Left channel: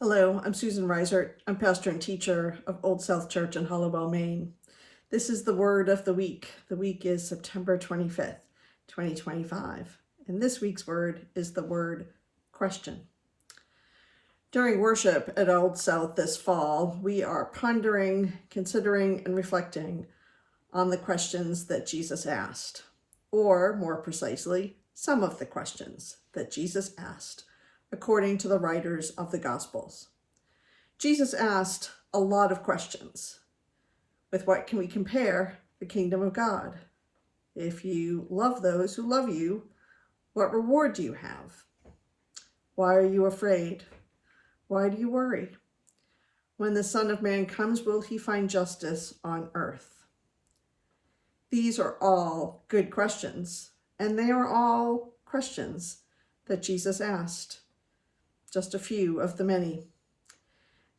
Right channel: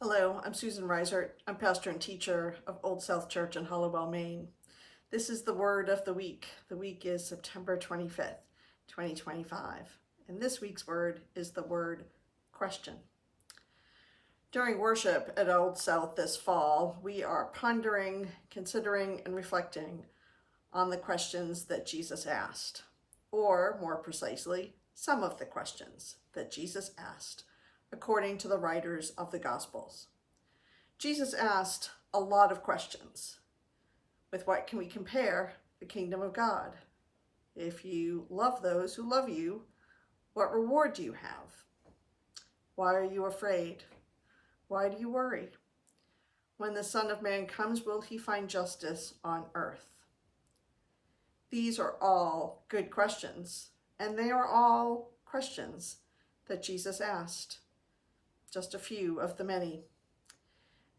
Hello, I'm Susan Reisert. I'm pastor and teacher of Old South Church in Hollowell, Maine. This is the word of the week. The week is September 25th, 2025. And this week's word is the word question. During worship at Old South this fall, we are pondering, considering, and reflecting on the questions that Jesus asked, or more precisely, some of the questions that Jesus asked, according to the writers of the Gospels. Jesus asked a lot of questions. With what can we compare the kingdom of God? If you love those who love you, what reward do you have? Why are you afraid? Why do you worry? When the Son of Man comes, will he find justice on earth? These are all good questions, and they are all questions that Jesus asked. Just a few of the many.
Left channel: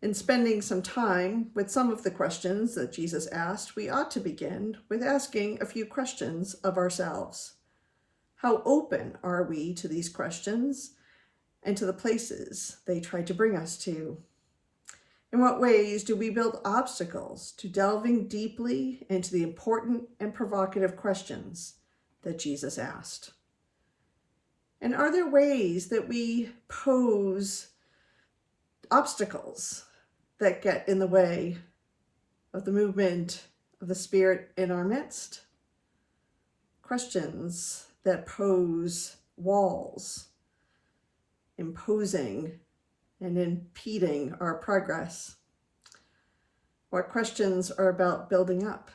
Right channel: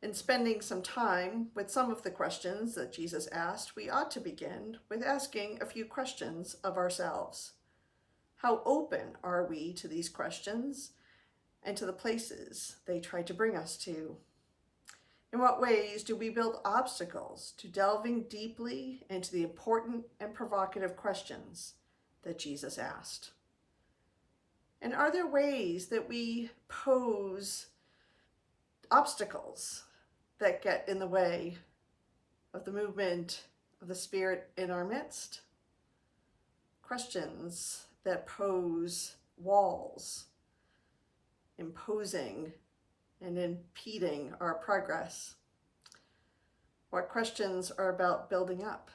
In spending some time with some of the questions that Jesus asked, we ought to begin with asking a few questions of ourselves. How open are we to these questions and to the places they try to bring us to? In what ways do we build obstacles to delving deeply into the important and provocative questions that Jesus asked? And are there ways that we pose obstacles that get in the way of the movement of the Spirit in our midst? Questions that pose walls, imposing and impeding our progress. What questions are about building up,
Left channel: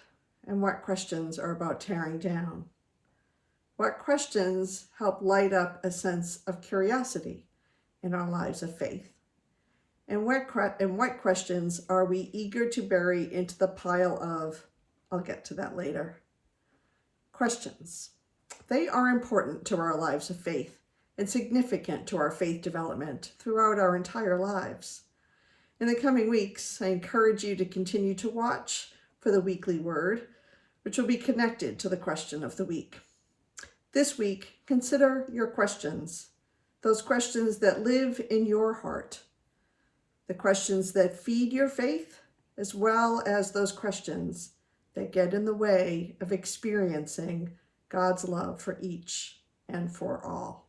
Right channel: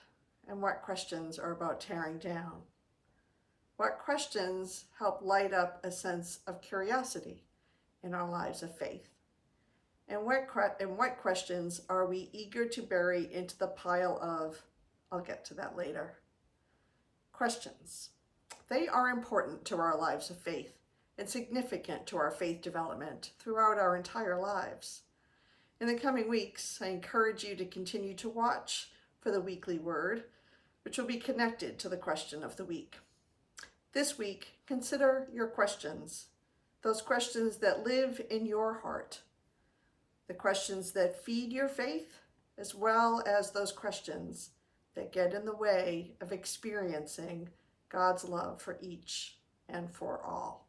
and what questions are about tearing down? What questions help light up a sense of curiosity in our lives of faith? And what questions are we eager to bury into the pile of, I'll get to that later. Questions. They are important to our lives of faith and significant to our faith development throughout our entire lives. In the coming weeks, I encourage you to continue to watch for the weekly word, which will be connected to the question of the week. This week, consider your questions, those questions that live in your heart, the questions that feed your faith, as well as those questions that get in the way of experiencing God's love for each and for all.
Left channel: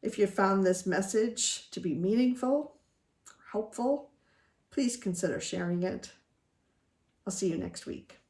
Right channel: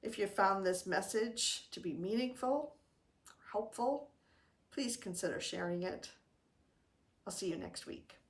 If you found this message to be meaningful, helpful, please consider sharing it. I'll see you next week.